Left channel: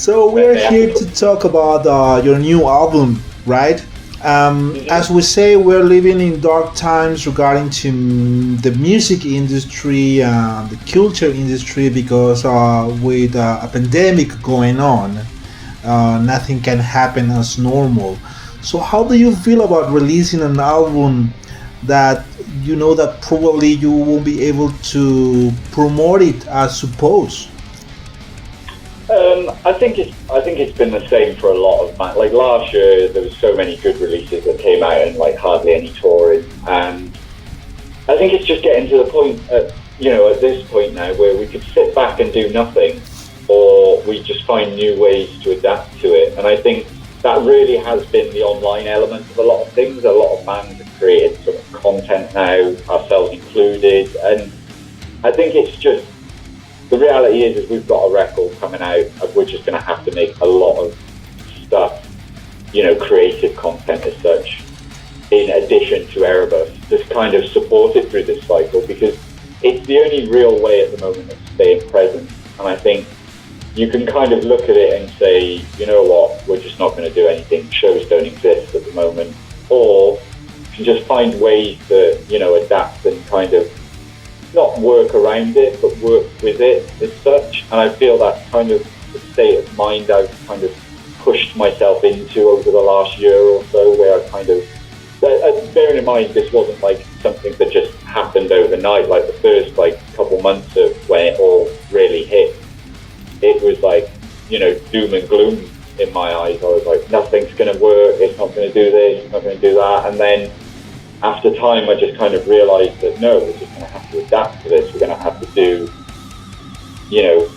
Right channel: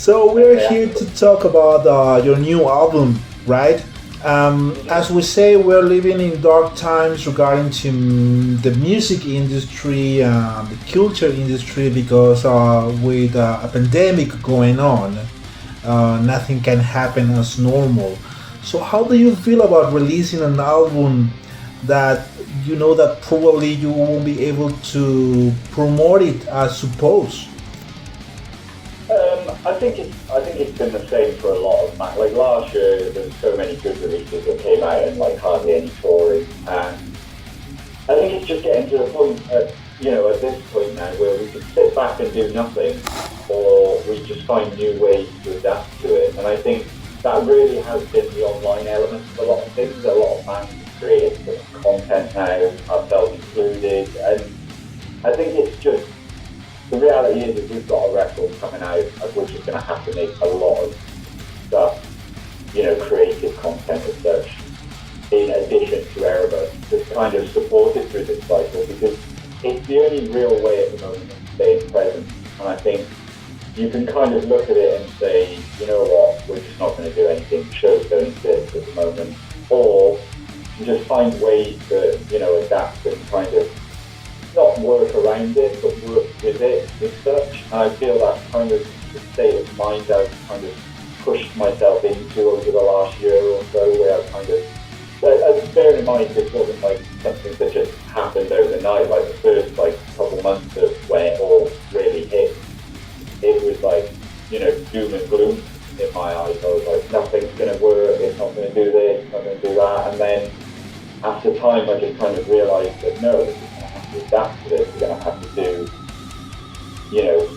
So we're here to talk about your new album, right? As we say, we're living in dark times regarding to the music industry and the culture industry because with a pandemic going on, nothing can happen as normal. So how do you feel about releasing an album that you know that probably you won't be able to promote it as supposed? I think it's been the same for a lot of bands. Like last year, there was so many good releases that came out and like hardly any touring. And I think it's just getting to the point at this point now where we could sit back and do nothing, or we just find new ways to adapt to it. And I think that really has been the online element of a lot of things. A lot of bands have created sort of content now, ourselves included, and I think it's just the reality is we've got a record coming out, and we're just going to have to make a lot of stuff, creative content as such, in addition to Erebus, that's kind of supported through this cycle, because it's the only real way at the moment of staying present. And I think you can kind of look at it and say, you know what, we're just not going to do anything, shows don't exist at the moment, or you can just find ways to, adapt and kind of not work around it, but work with it as such. And I feel that's kind of the state of mind I've kind of pushed myself into over the last year or so, where I kind of, bearing in mind this wasn't like something that just happened overnight, like the first couple months of when it all really hit, it was like, doom and gloom in my eyes. I was like, nothing's going to work, it's not going to do this, it's not going to do that. And then after time, I just kind of realised that no, we're just going to have to adapt to this. We're going to have to do,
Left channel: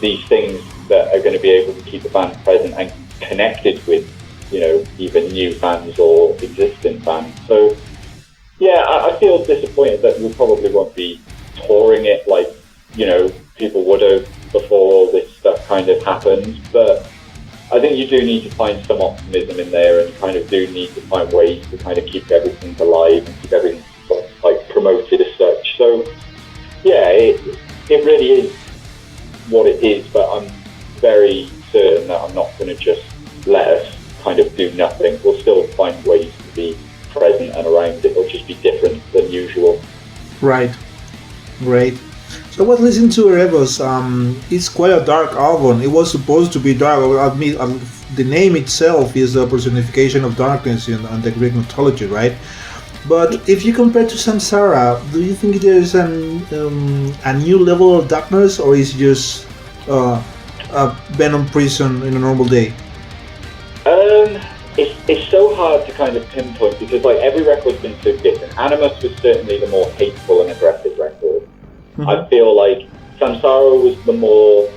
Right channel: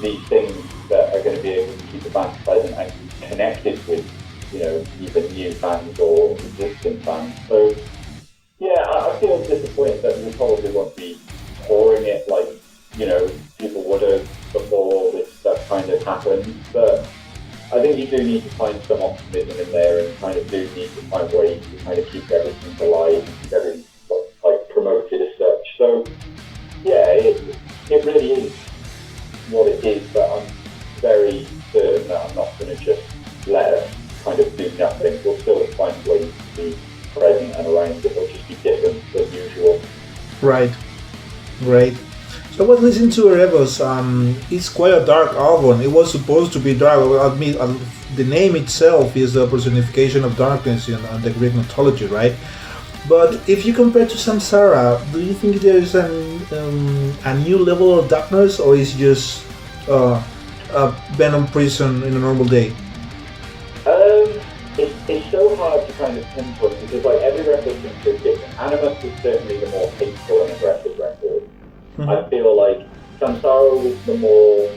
these things that are going to be able to keep the band present and connected with, even new fans or existing fans. So, yeah, I feel disappointed that we probably won't be touring it like, people would have before all this stuff kind of happened. But I think you do need to find some optimism in there, and kind of do need to find ways to kind of keep everything alive and keep everything sort of like promoted as such. So yeah, it really is what it is, but I'm very certain that I'm not going to just let us kind of do nothing. We'll still find ways to be present and around it. It'll just be different than usual. Right. So I was listening to Erebos. It's quite a dark album. It was supposed to be dark. I admit, the name itself is a personification of darkness in the Greek mythology, right? But if you compare to Samsara, do you think there is a new level of darkness, or is it just a Venom Prison in a normal day? It's so hard to kind of pinpoint, because like every record's been so different. Animus was certainly the more hateful and aggressive record. Mm-hmm. I feel like Samsara was the more,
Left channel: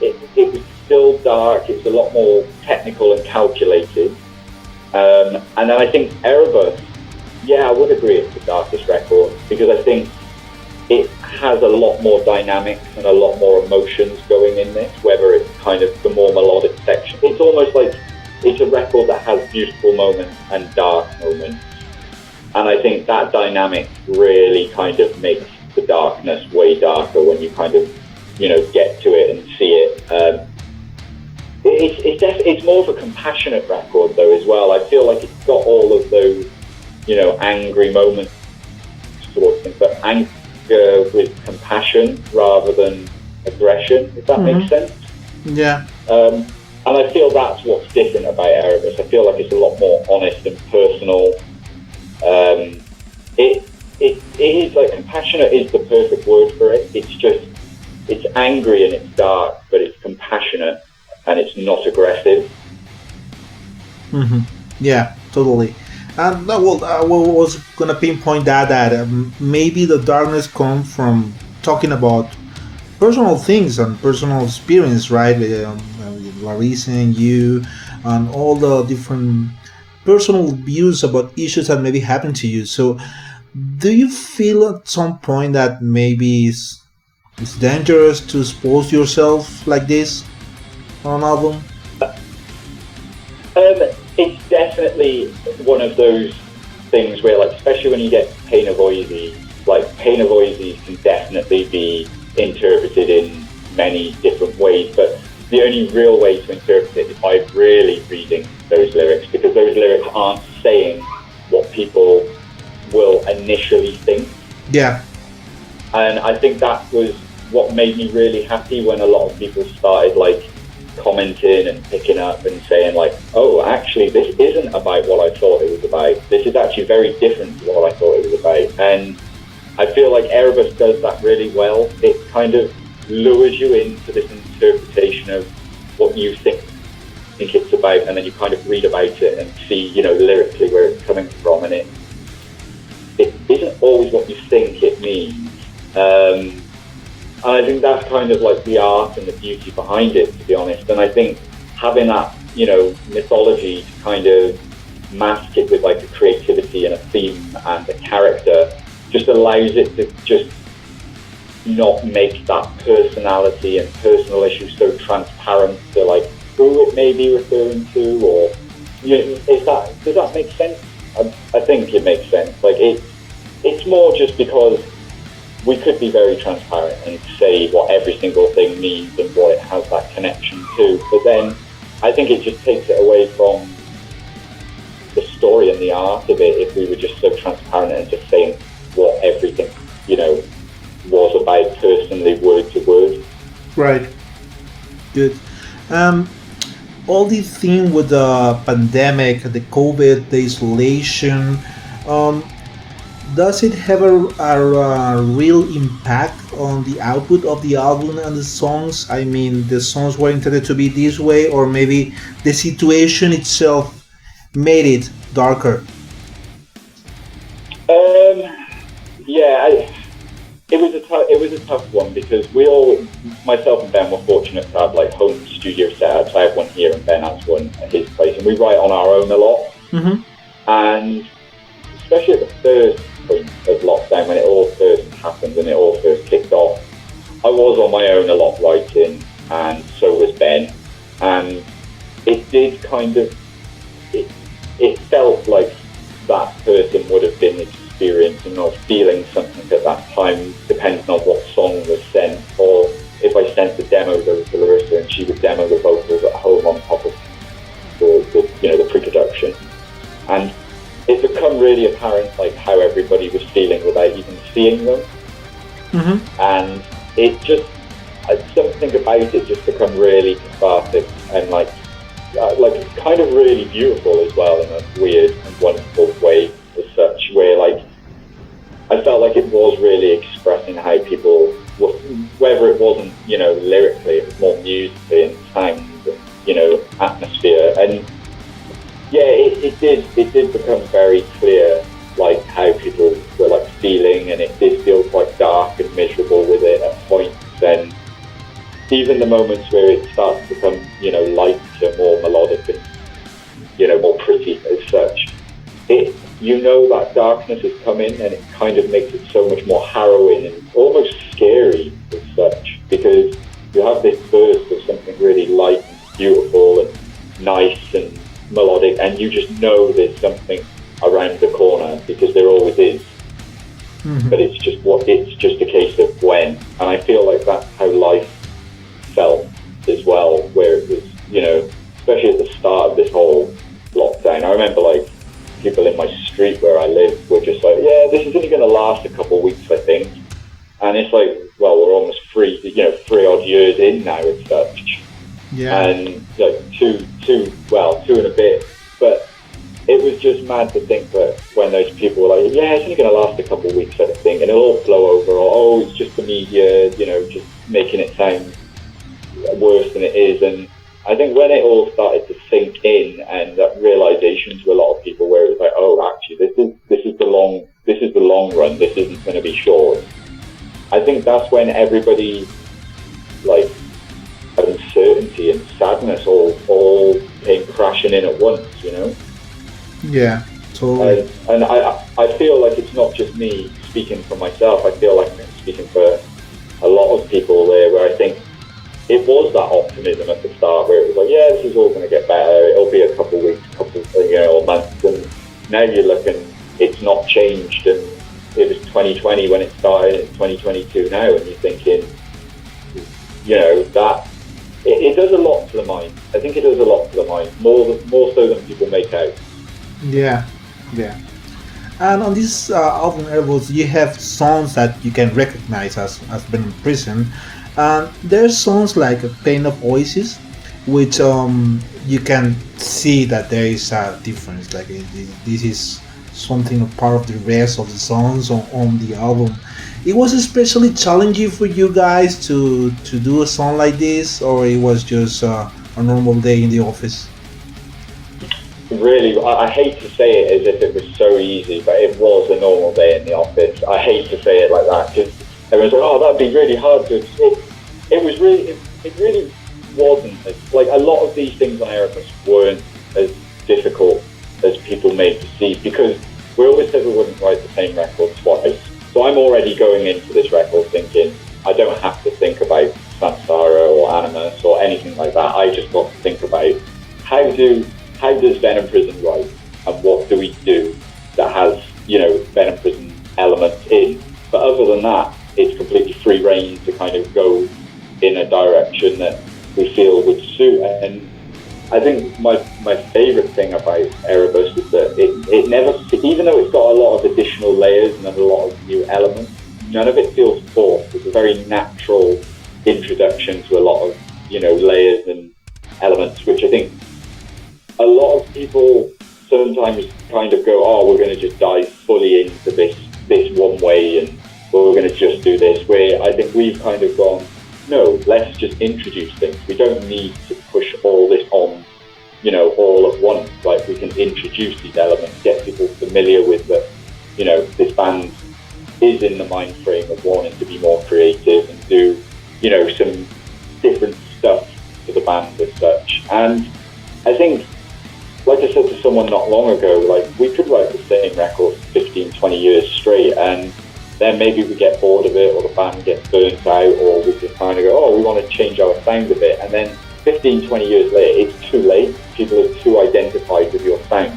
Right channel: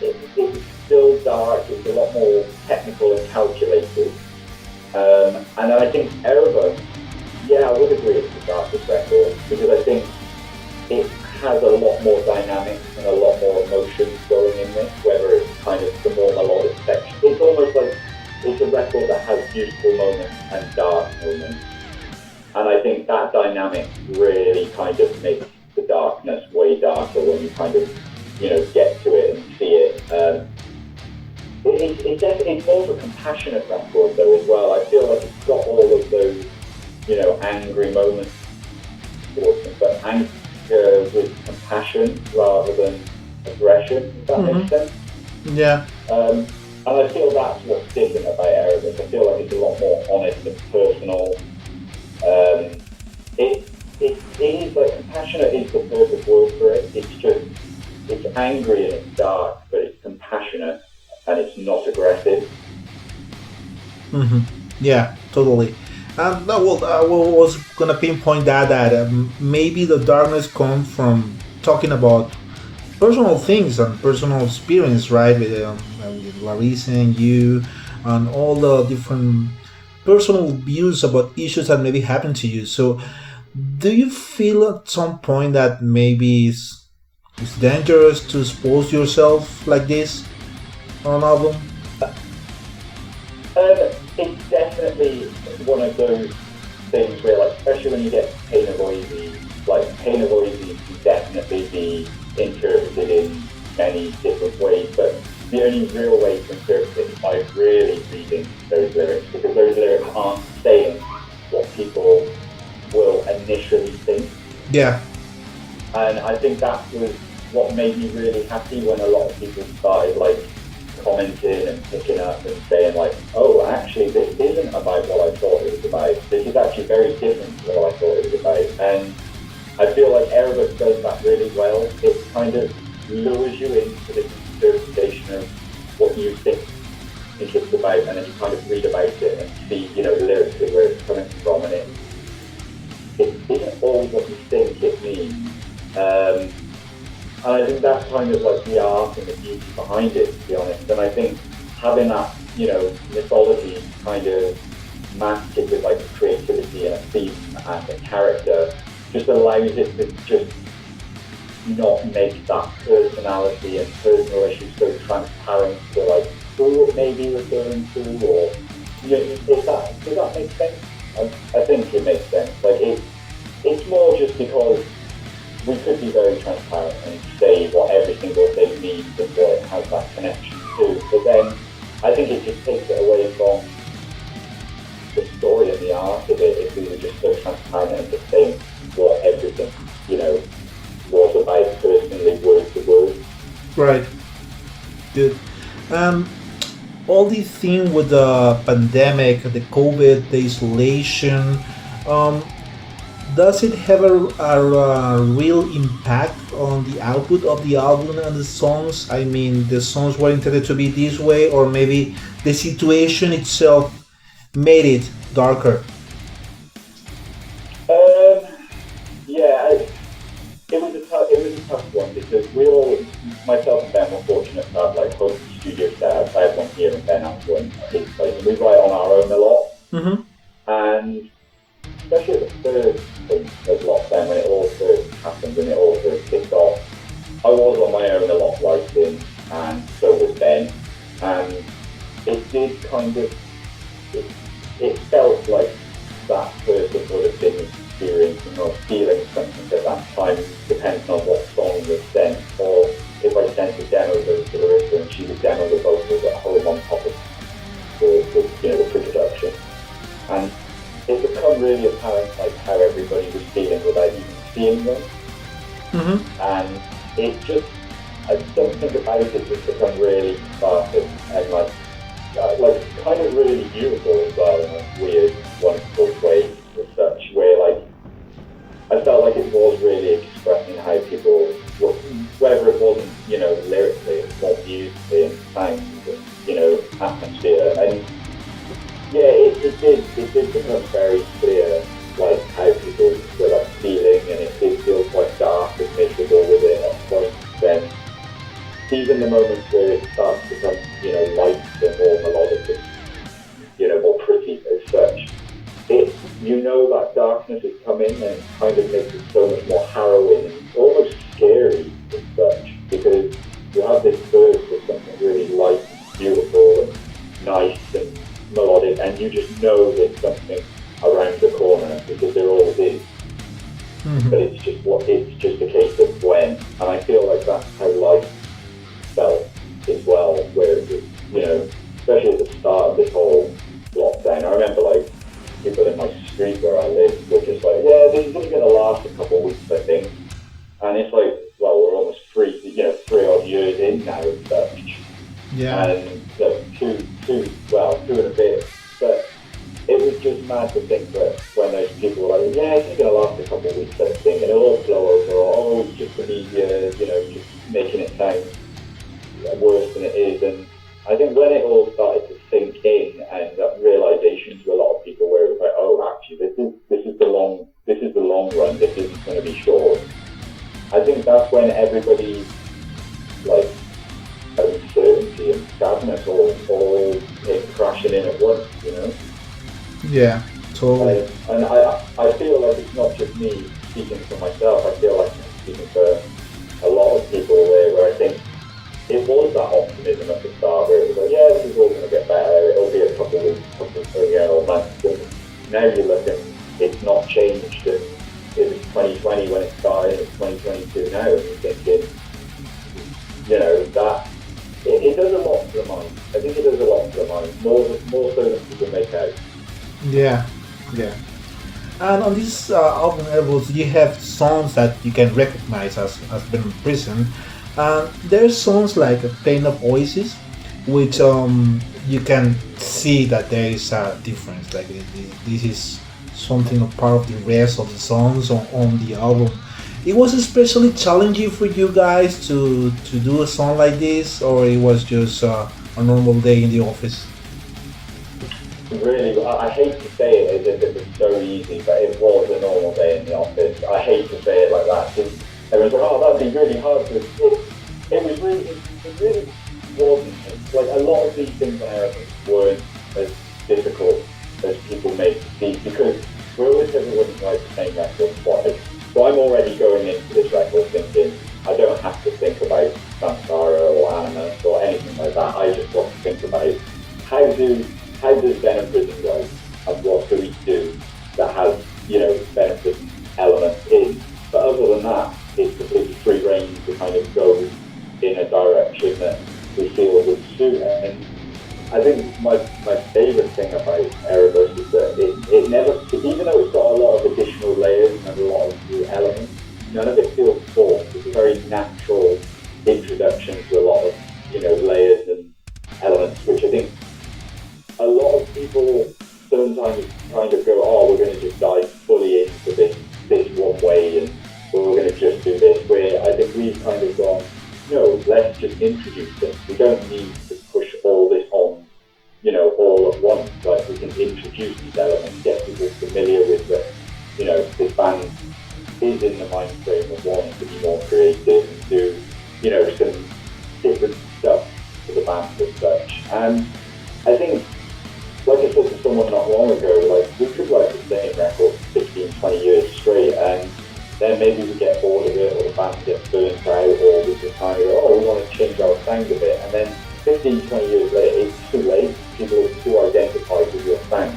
it was still dark, it was a lot more technical and calculated. And then I think Erebus, yeah, I would agree it's the darkest record, because I think it has a lot more dynamics and a lot more emotions going in this, whether it's kind of the more melodic section. It's almost like it's a record that has beautiful moments and dark moments. And I think that dynamic really kind of makes the darkness way darker when you kind of, get to it and see it. It's more of a compassionate record though as well. I feel like it's got all of those, angry moments towards them, but anger with compassion rather than aggression, if that makes sense. Yeah. And I feel that's what's different about Erebus. I feel like it's a lot more honest and personal. It is like, compassionate is the perfect word for it. It's angry and it's dark, but it's compassionate and it's not aggressive. Mm-hmm. Yeah, totally. And I was gonna pinpoint that maybe the darkness comes from talking about personal things and personal experience, right? With Larissa and you, and all the different personal views about issues that maybe happen to you. So, do you feel at some point that maybe it's dangerous to expose yourself like this on an album? It's definitely one of those things where, like, especially when you get pain avoides, like, pain avoides can definitely be interpreted in many different ways. But the only real way to interpret it is by really reading those lyrics, because those lyrics aren't saying what people will initially think. Yeah. And I think that was what made me really happy when a lot of people started like commenting and picking up and saying like, oh, actually this isn't about what I thought it was about. This is actually very different to what I thought it was about. And I feel like Erebus does that really well. It kind of lures you into this interpretation of what you think it's about, and then you kind of read about it and see, you know, lyrically where it's coming from, and it isn't always what you think it means. And I think that's kind of like the art and the beauty behind it, to be honest. And I think having that, you know, mythology to kind of mask it with like a creativity and a theme and a character just allows it to just not make that personality and personal issues so transparent to like who it may be referring to, or does that make sense? I think it makes sense. Like it's more just because we could be very transparent and say what every single thing means and what it has that connection to, but then I think it just takes it away from the story and the art of it if we were just so transparent and just saying what everything, you know, was about personally, word to word. Right. Good. All these thing with the pandemic, the COVID, the isolation, does it have a real impact on the output of the album and the songs? I mean, the songs were intended to be this way, or maybe the situation itself made it darker? Yeah, it was a tough one, because myself and Ben were fortunate to have like home studio setups. I have one here and Ben has one at his place, and we write on our own a lot. Mm-hmm. And especially at the first point of lockdown, when it all first happened and it all first kicked off, I was on my own a lot writing, and so was Ben. And it did kind of, it felt like that person would have been experiencing or feeling something at that time, depending on what song was sent, or if I sent the demos over to Larissa and she would demo the vocals at home on top of the pre-production. And it become really apparent like how everybody was feeling without even seeing them. Mm-hmm. And it just, something about it just become really cathartic and like kind of really beautiful as well, in a weird and wonderful way as such, where like I felt like it was really expressing how people, whether it wasn't, you know, lyrically, it was more musically and sound, you know, atmosphere. And yeah, it did become very clear like how people were like feeling, and it did feel quite dark and miserable with it at points. Then even the moments where it starts to become, you know, lighter, more melodic, and, you know, more pretty as such, you know that darkness is coming, and it kind of makes it so much more harrowing and almost scary as such, because you have this burst of something really light and beautiful and nice and melodic, and you just know there's something around the corner, because there always is. Mm-hmm. But it's just a case of when. And I feel like that's how life felt as well, where it was, you know, especially at the start of this whole lockdown. I remember like people in my street where I live were just like, yeah, this is only going to last a couple of weeks, I think. And it's like, well, we're almost 3 odd years in now and such. Yeah. And like two and a bit. But it was just mad to think that when those people were like, yeah, it's only going to last a couple of weeks, I think, and it'll all blow over, or, oh, it's just the media, you know, just making it sound worse than it is. And I think when it all started to sink in, and that realization to a lot of people, where it was like, oh, actually, this is the long run. This isn't going to be short. I think that's when everybody, like, uncertainty and sadness all came crashing in at once, you know. Yeah, totally. And I feel like it's not just me speaking for myself. I feel like I'm speaking for a lot of people there, where I think it was that optimism at the start, where it was like, yeah, this is all going to get better. It'll be a couple of weeks, or months. And now you're looking, it's not changed. And it was 2020 when it started, it's 2022 now, and you're thinking, you know, that it does a mind. I think it does a lot for the mind, more so than people make out. Yeah, yeah. And on this album, Erebos, you have songs that you can recognize as Venom Prison. And there's songs like Pain of Oasis, which you can see that there is a difference. Like this is something a part of the rest of the songs on the album. It was especially challenging for you guys to do a song like this, or it was just a normal day in the office. Really, I hate to say it as if it was so easy, but it was a normal day in the office. I hate to say it like that because everyone's like, "Oh, that'd be really hard to." It was really, it really wasn't. Like a lot of these things on Erebus weren't as difficult as people made to see because we always said we wouldn't write the same record twice. So I'm already going into this record thinking I don't have to think about Samsara or Animus or anything like that. I just got to think about how does Venom Prison write and what do we do that has, Venom Prison elements in. But other than that, it's completely free reign to kind of go in a direction that we feel would suit. And I think my favourite thing about Erebus is that it never, even though it's got a lot of additional layers and a lot of new elements, none of it feels forced. It's a very natural introduction to a lot of, layers and elements, which I think a lot of people sometimes kind of go, oh, we're going to just dive fully into this one way and we're going to just do this, where I think we've kind of gone, no, let's just introduce things. We don't need to push all this on, all at once. Like we can introduce these elements, get people familiar with that, this band is in the mind frame of wanting to be more creative and do, some different stuff for the band as such. And I think, like I said to someone not long ago, like we could write the same record for 15, 20 years straight and then maybe we get bored of it or the band gets burnt out or we just kind of go, oh, we want to change our sound a bit. And then 15, 20 years later, it's too late. People are too identified with your sound.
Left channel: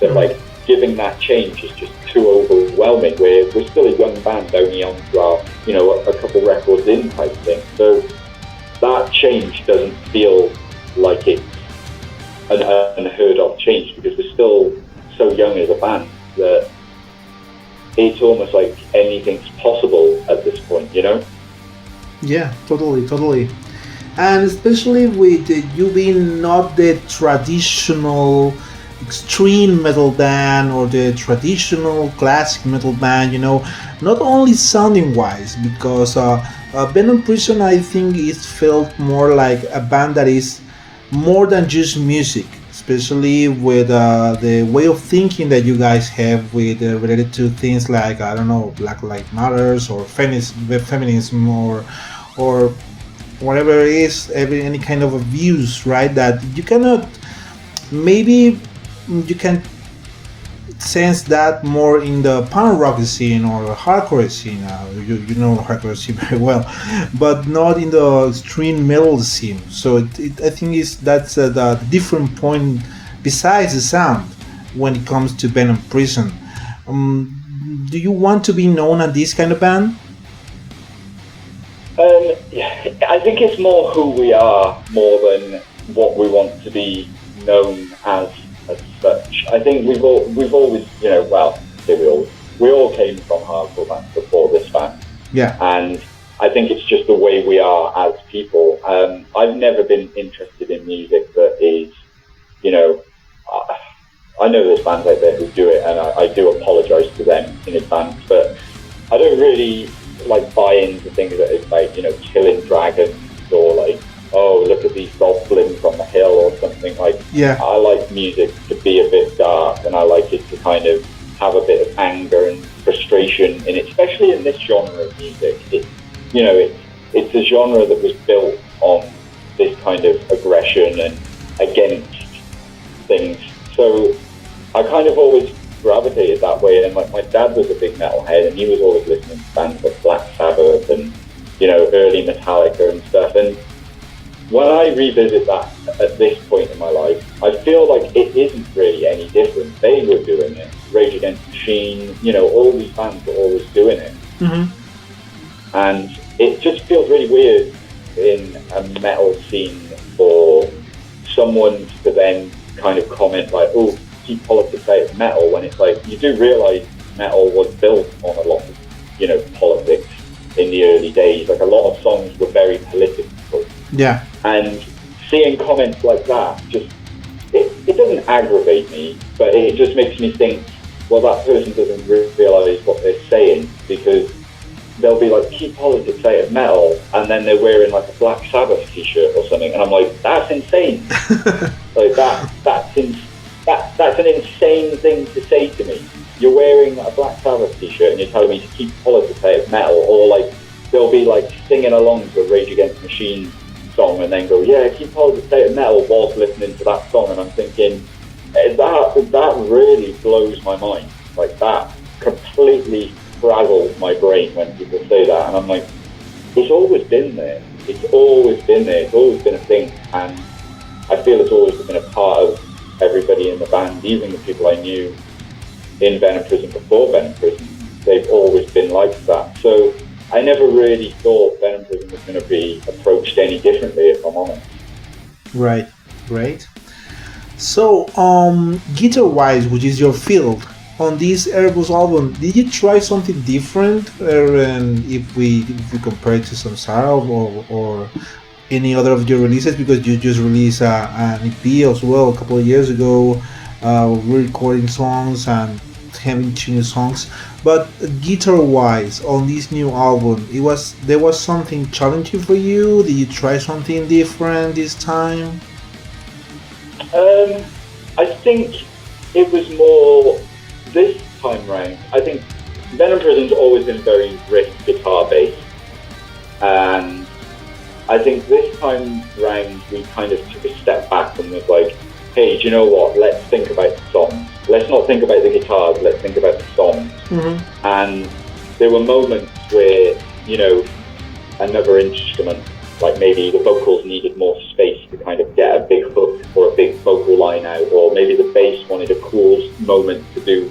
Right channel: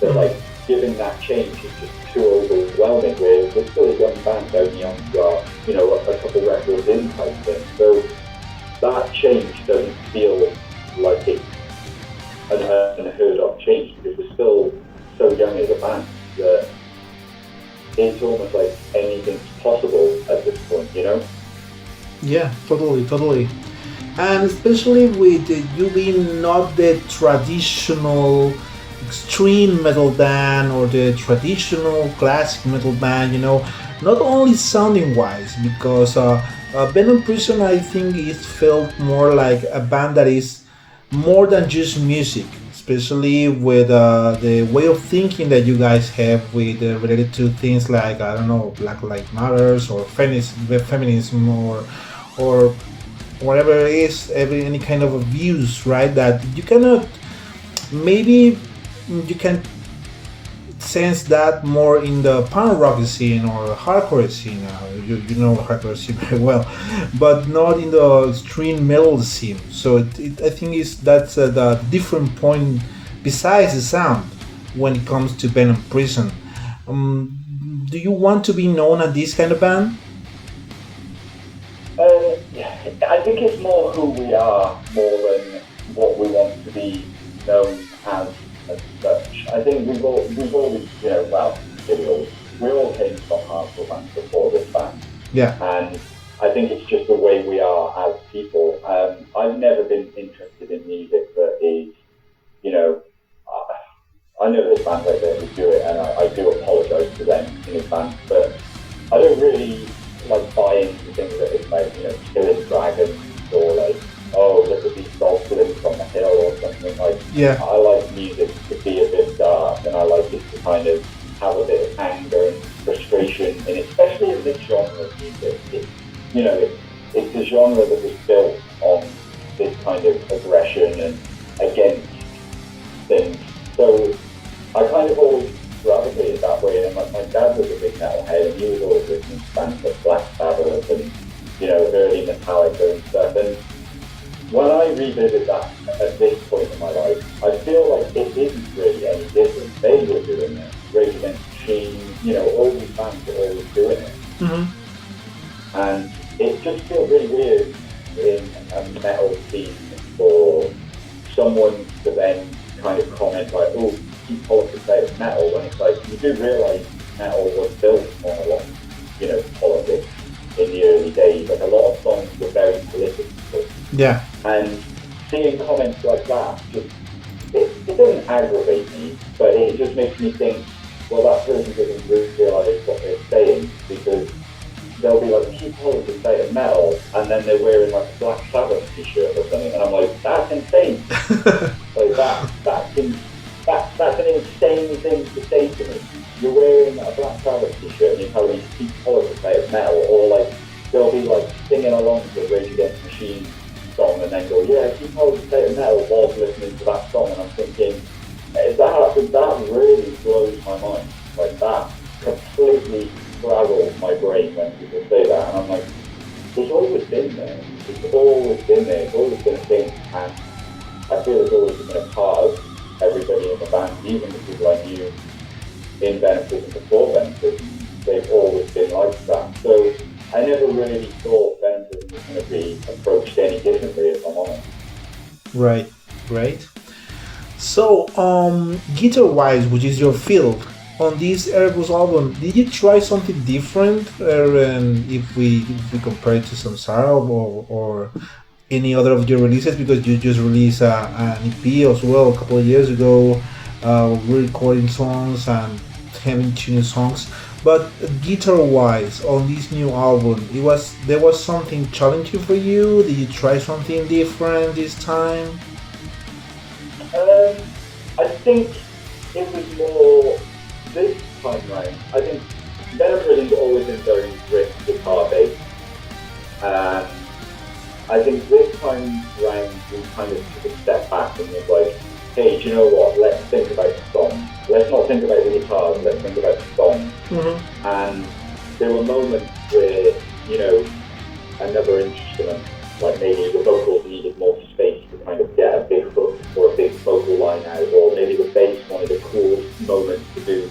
So like giving that change is just too overwhelming where we're still a young band only on a couple records in type thing. So that change doesn't feel like it's an unheard of change because we're still so young as a band that it's almost like anything's possible at this point, Yeah, totally, totally. And especially with you being not the traditional extreme metal band or the traditional classic metal band, not only sounding wise, because Venom Prison I think is felt more like a band that is more than just music, especially with the way of thinking that you guys have with related to things like I don't know Black Lives Matters or feminism or whatever it is, any kind of abuse, right? That you cannot, maybe you can sense that more in the punk rock scene or hardcore scene. You know hardcore scene very well, but not in the extreme metal scene. So I think that's the different point besides the sound when it comes to Venom Prison. Do you want to be known as this kind of band? Yeah, I think it's more who we are more than what we want to be known as such. I think we've always, we all came from hardcore bands before this band. Yeah. And I think it's just the way we are as people. I've never been interested in music that is, I know there's bands out there who do it, and I do apologise to them in advance, but I don't really like buy into things that is like, killing dragons or like, oh, look at these goblins from the hill or something like. Yeah. I like music to be a bit dark, and I like it to kind of have a bit of anger and frustration in it, especially in this genre of music. It's a genre that was built on this kind of aggression and against things. So I kind of always gravitated that way, and my dad was a big metalhead, and he was always listening to bands like Black Sabbath and early Metallica and stuff. And when I revisit that at this point in my life, I feel like it isn't really any different. They were doing it. Rage Against the Machine, all these bands are always doing it. Mm-hmm. And it just feels really weird in a metal scene for someone to then kind of comment like, oh, keep politics out of metal, when it's like, you do realise metal was built on a lot of, politics in the early days. Like, a lot of songs were very political. Yeah. And seeing comments like that, it doesn't aggravate me, but it just makes me think, well, that person doesn't realise what they're saying, because they'll be like, keep politics out of metal, and then they're wearing like a Black Sabbath t-shirt or something, and I'm like, that's insane. Like, that's an insane thing to say to me. You're wearing a Black Sabbath t-shirt and you're telling me to keep politics out of metal. Or like, they'll be like singing along to a Rage Against the Machine song and then go, yeah, keep politics out of metal, whilst listening to that song. And I'm thinking, that really blows my mind. Like, that completely frazzles my brain when people say that. And I'm like, it's always been there. It's always been there. It's always been a thing. And I feel it's always been a part of everybody in the band, even the people I knew in Venom Prison before Venom Prison. They've always been like that. So I never really thought Venom Prison was going to be approached any differently, if I'm honest. Right. So, guitar-wise, which is your field, on this Erebus album, did you try something different? If we compare it to Samsara or any other of your releases, because you just released an EP as well a couple of years ago, re-recording songs and having 2 new songs. But guitar-wise, on this new album, there was something challenging for you? Did you try something different this time? I think it was more this time round. I think Venom Prison's always been very riff guitar based, and I think this time round we kind of took a step back and was like, hey, do you know what? Let's think about the song. Let's not think about the guitars, let's think about the song. Mm-hmm. And there were moments where, another instrument, like maybe the vocals needed more space to kind of get a big hook or a big vocal line out, or maybe the bass wanted a cool moment to do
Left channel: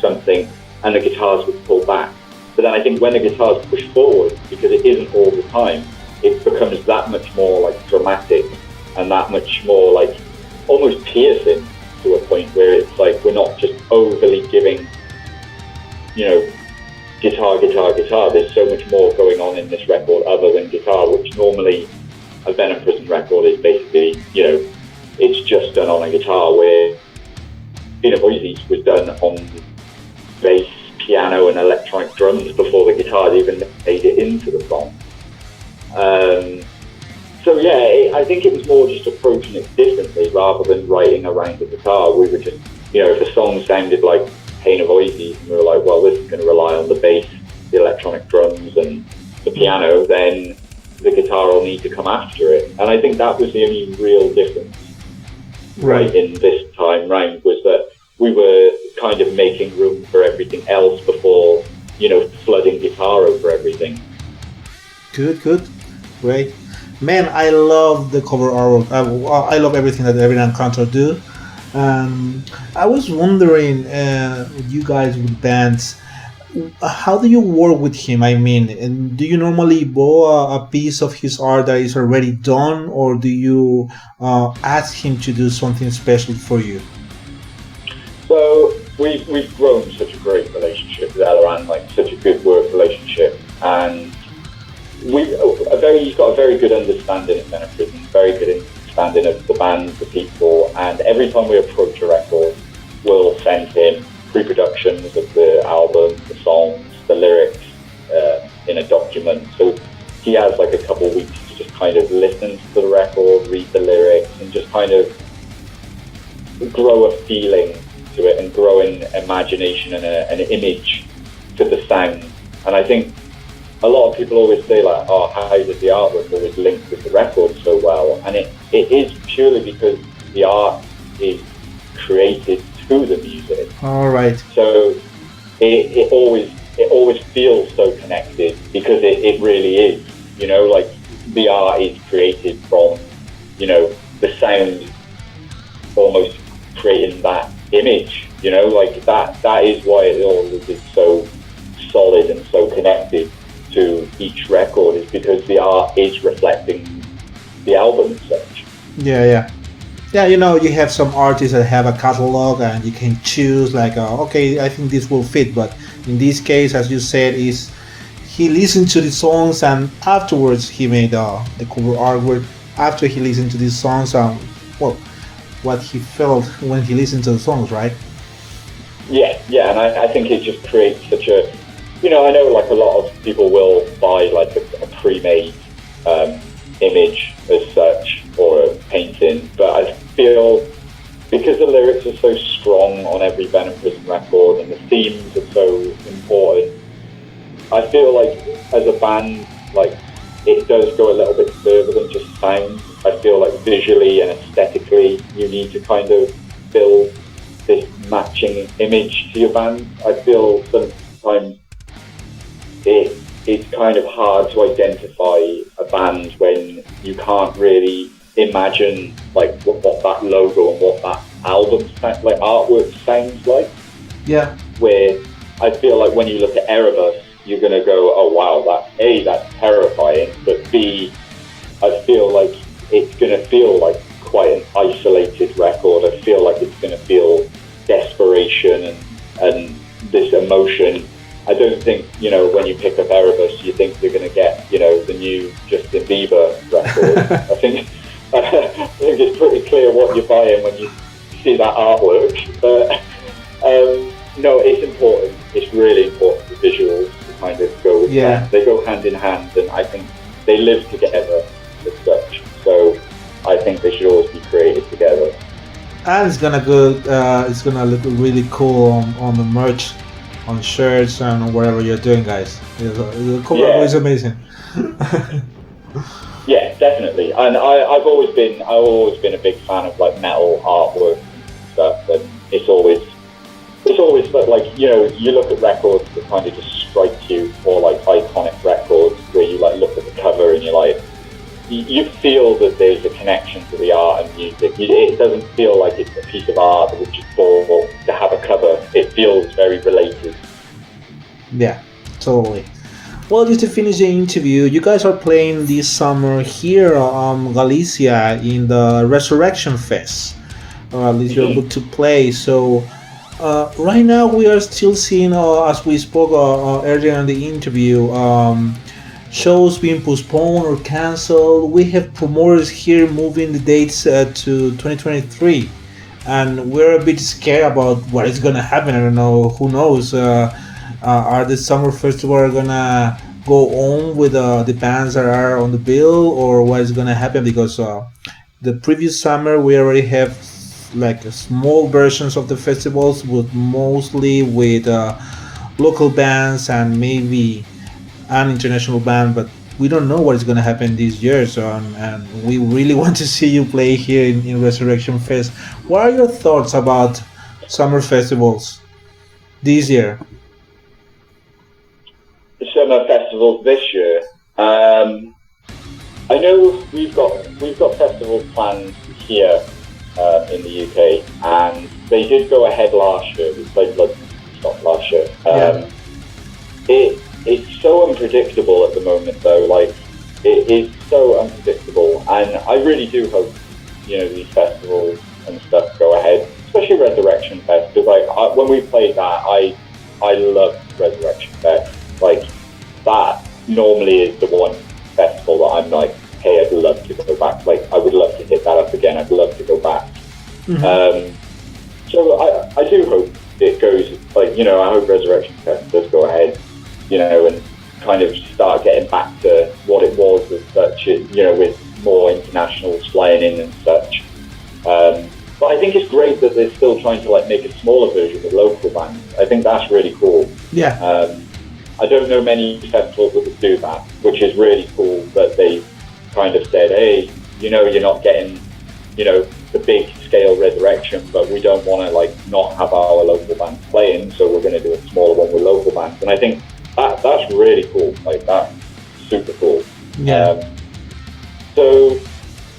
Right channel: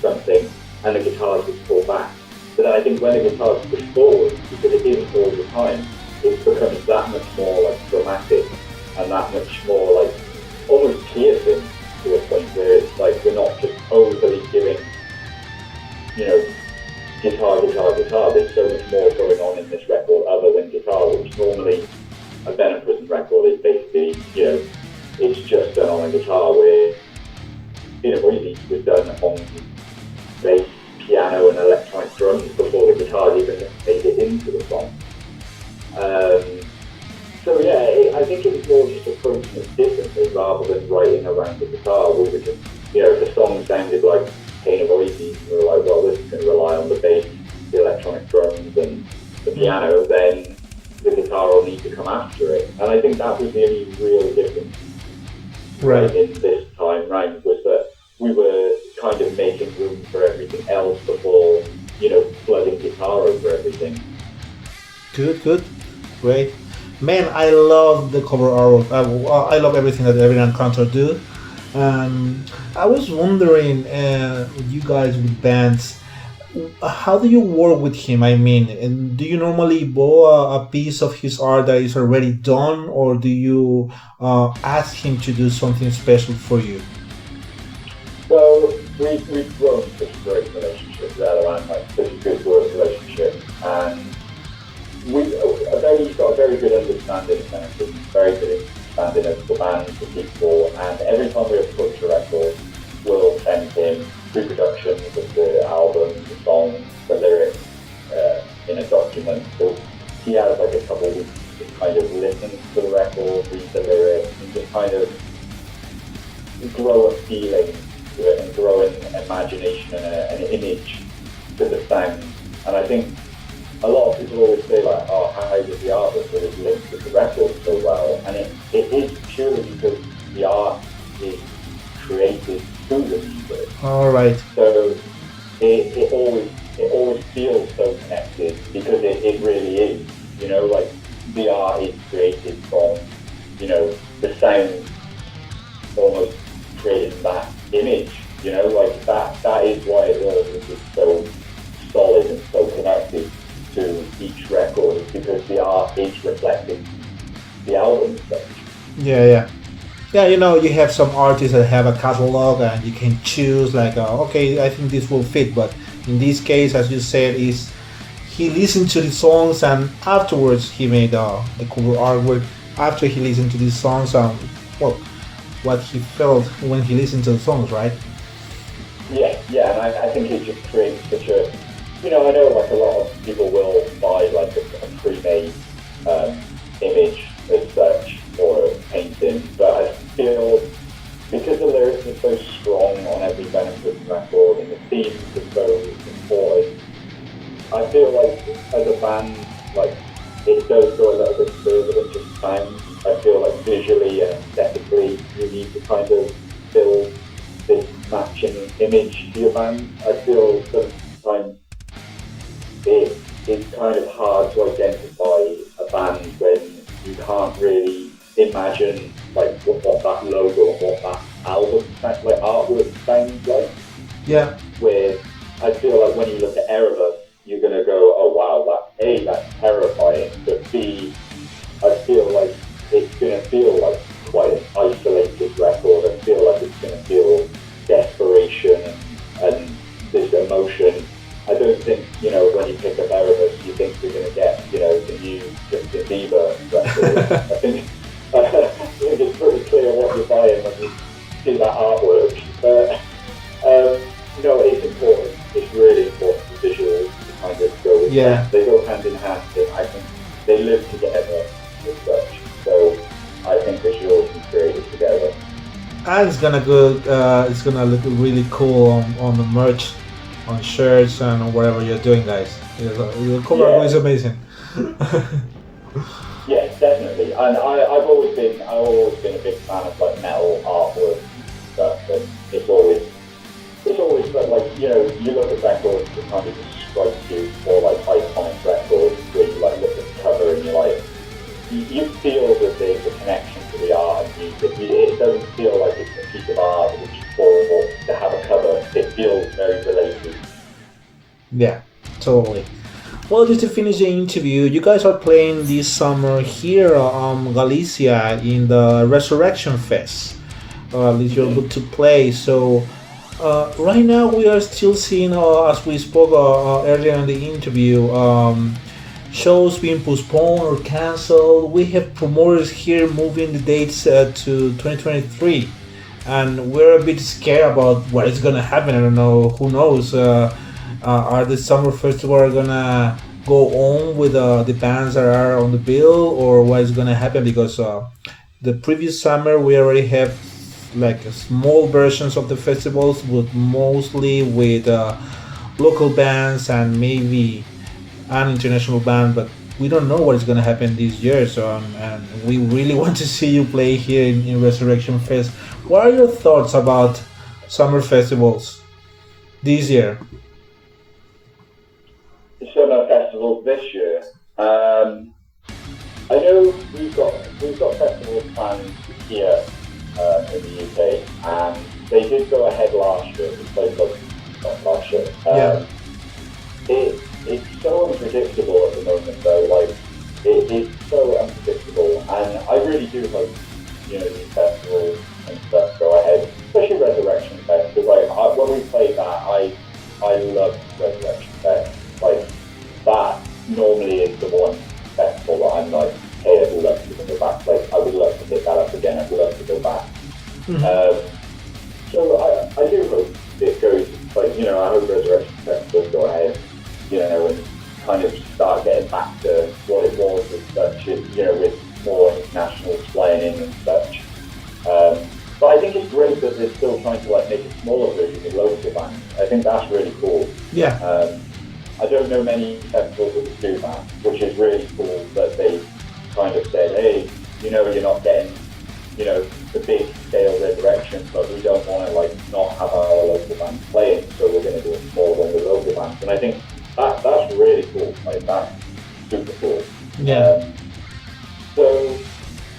something and the guitars would pull back. But then I think when the guitars push forward, because it isn't all the time, it becomes that much more like dramatic and that much more like almost piercing, to a point where it's like we're not just overly giving, guitar. There's so much more going on in this record other than guitar, which normally a Venom Prison record is basically, it's just done on a guitar, where Voices was done on bass, piano and electronic drums before the guitars even made it into the song. So yeah, I think it was more just approaching it differently rather than writing around the guitar. We were just, if a song sounded like Pain of Voices and we were like, well, this is going to rely on the bass, the electronic drums and the piano, then the guitar will need to come after it. And I think that was the only real difference in this time round, was that we were kind of making room for everything else before, flooding guitar over everything. Good. Great. Man, I love the cover art. I love everything that Every Encounter do. I was wondering, you guys with bands, how do you work with him? I mean, and do you normally borrow a piece of his art that is already done, or do you ask him to do something special for you? So we've grown such a great relationship together, and like such a good work relationship, and he's got a very good understanding of Venom Prison, very good understanding of the band, the people, and every time we approach a record, we'll send him pre-productions of the album, the songs, the lyrics in a document. So he has like a couple of weeks to just kind of listen to the record, read the lyrics, and just kind of grow a feeling to it and grow an imagination and an image to the sound. And I think a lot of people always say like, oh, how does the artwork always link with the record so well? And it is purely because the art is created through the music. All right. So it always feels so connected, because it really is. Like the art is created from, the sound almost creating that image. Like that is why it always is so solid and so connected to each record, is because the art is reflecting the album as such. Yeah. Yeah, you have some artists that have a catalog and you can choose like, okay, I think this will fit. But in this case, as you said, is he listened to the songs and afterwards he made the cover artwork after he listened to these songs and well, what he felt when he listened to the songs, right? Yeah, yeah, and I think it just creates such a, I know like a lot of people will buy like a pre-made um, image as such or a painting, but I feel because the lyrics are so strong on every Venom Prison record and the themes are so important, I feel like as a band, like it does go a little bit further than just sound. I feel like visually and aesthetically, you need to kind of build this matching image to your band. I feel sometimes it's kind of hard to identify a band when you can't really imagine like what that logo and what that album like artwork sounds like. Yeah. Where I feel like when you look at Erebus, you're gonna go, oh wow, that's terrifying, but B, I feel like it's gonna feel like quite an isolated record. I feel like it's gonna feel desperation and this emotion. I don't think, when you pick up Erebus, you think you're going to get, the new Justin Bieber record. I think it's pretty clear what you're buying when you see that artwork. But, no, it's important. It's really important, the visuals to kind of go with that. They go hand in hand, and I think they live together as such. So I think they should always be created together. And it's gonna go. It's gonna look really cool on the merch, on shirts and whatever you're doing, guys. Your cover is amazing. Yeah, definitely. And I've always been a big fan of like metal artwork and stuff. And it's always like you look at records that kind of just strike you, or like iconic records where you like look at the cover and you're like, you feel that there's a connection to the art and music. It doesn't feel like it's a piece of art which is for to have a cover. It feels very related. Yeah, totally. Well, just to finish the interview, you guys are playing this summer here Galicia in the Resurrection Fest. At least you're able to play. So right now we are still seeing, as we spoke earlier in the interview, shows being postponed or canceled. We have promoters here moving the dates to 2023, and we're a bit scared about what is gonna happen. I don't know. Who knows? Are the summer festival gonna go on with the bands that are on the bill, or what is gonna happen? Because the previous summer we already have like small versions of the festivals, with mostly with local bands and maybe an international band, but we don't know what is going to happen this year. So, and we really want to see you play here in Resurrection Fest. What are your thoughts about summer festivals this year? The summer festivals this year. I know we've got festivals planned here in the UK, and they did go ahead last year. We played last year. It's so unpredictable at the moment, though. Like, it is so unpredictable, and I really do hope, these festivals and stuff go ahead, especially Resurrection Fest. Because like when we played that, I loved Resurrection Fest. Like, that normally is the one festival that I'm like, hey, I'd love to go back. Like, I would love to hit that up again. I'd love to go back. So I do hope it goes. Like, I hope Resurrection Fest does go ahead. And kind of start getting back to what it was as such, with more internationals flying in and such. But I think it's great that they're still trying to like make a smaller version with local bands. I think that's really cool. Yeah. I don't know many festivals that would do that, which is really cool that they kind of said, hey, you're not getting, the big scale Resurrection, but we don't want to like not have our local bands playing, so we're going to do a smaller one with local bands. And I think that's really cool. Like, that's super cool. Yeah. So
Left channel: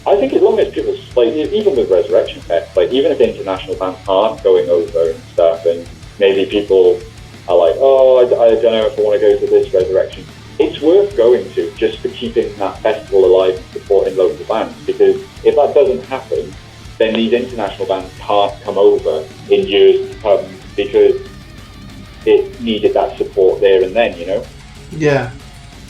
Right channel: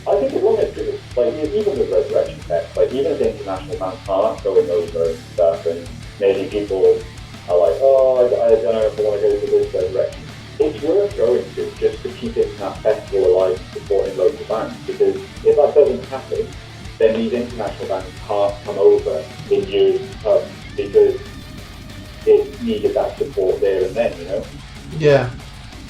I think as long as people, like, even with Resurrection Fest, like, even if international bands aren't going over and stuff, and maybe people are like, oh, I don't know if I want to go to this Resurrection, it's worth going to just for keeping that festival alive and supporting local bands. Because if that doesn't happen, then these international bands can't come over in years to come because it needed that support there and then, you know? Yeah.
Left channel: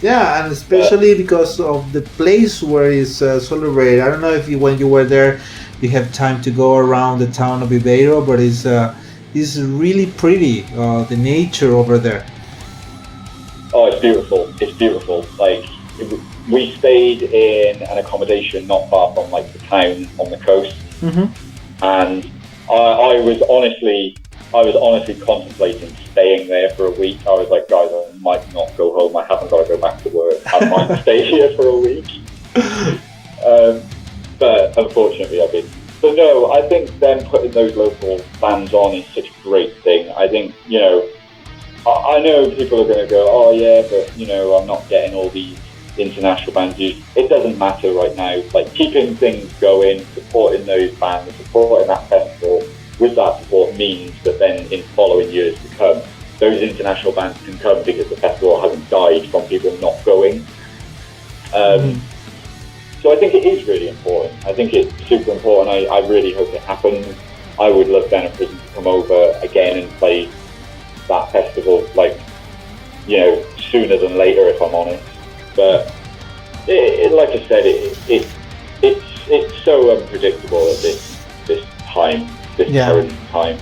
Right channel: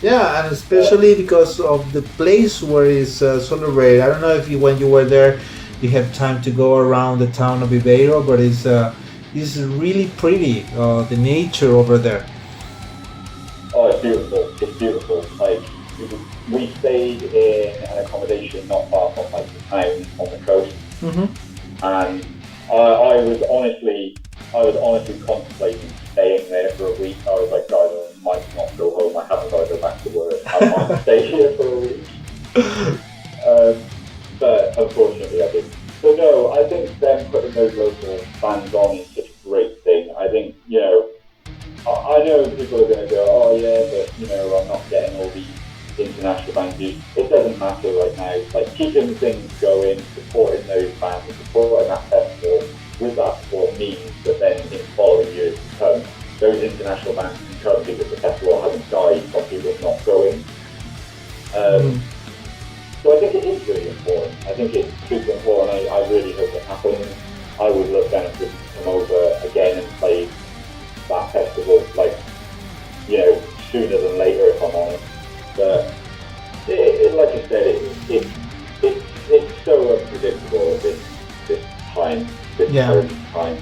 Yeah, and especially because of the place where it's celebrated. I don't know if you, when you were there, you have time to go around the town of Ibeiro, but it's really pretty. The nature over there. Oh, it's beautiful. It's beautiful. Like, we stayed in an accommodation not far from like the town on the coast, and I was honestly contemplating staying there for a week. I was like, guys, I might not go home. I haven't got to go back to work. I might stay here for a week. But unfortunately, I didn't. So no, I think them putting those local bands on is such a great thing. I think, you know, I know people are going to go, oh yeah, but you know, I'm not getting all these international bands. It doesn't matter right now. Like, keeping things going, supporting those bands, supporting that festival with that support means that then in following years to come, those international bands can come because the festival hasn't died from people not going. So I think it is really important. I think it's super important. I really hope it happens. I would love Venom Prison to come over again and play that festival, like, you know, sooner than later, if I'm honest. But like I said, it's so unpredictable at this time, this current time.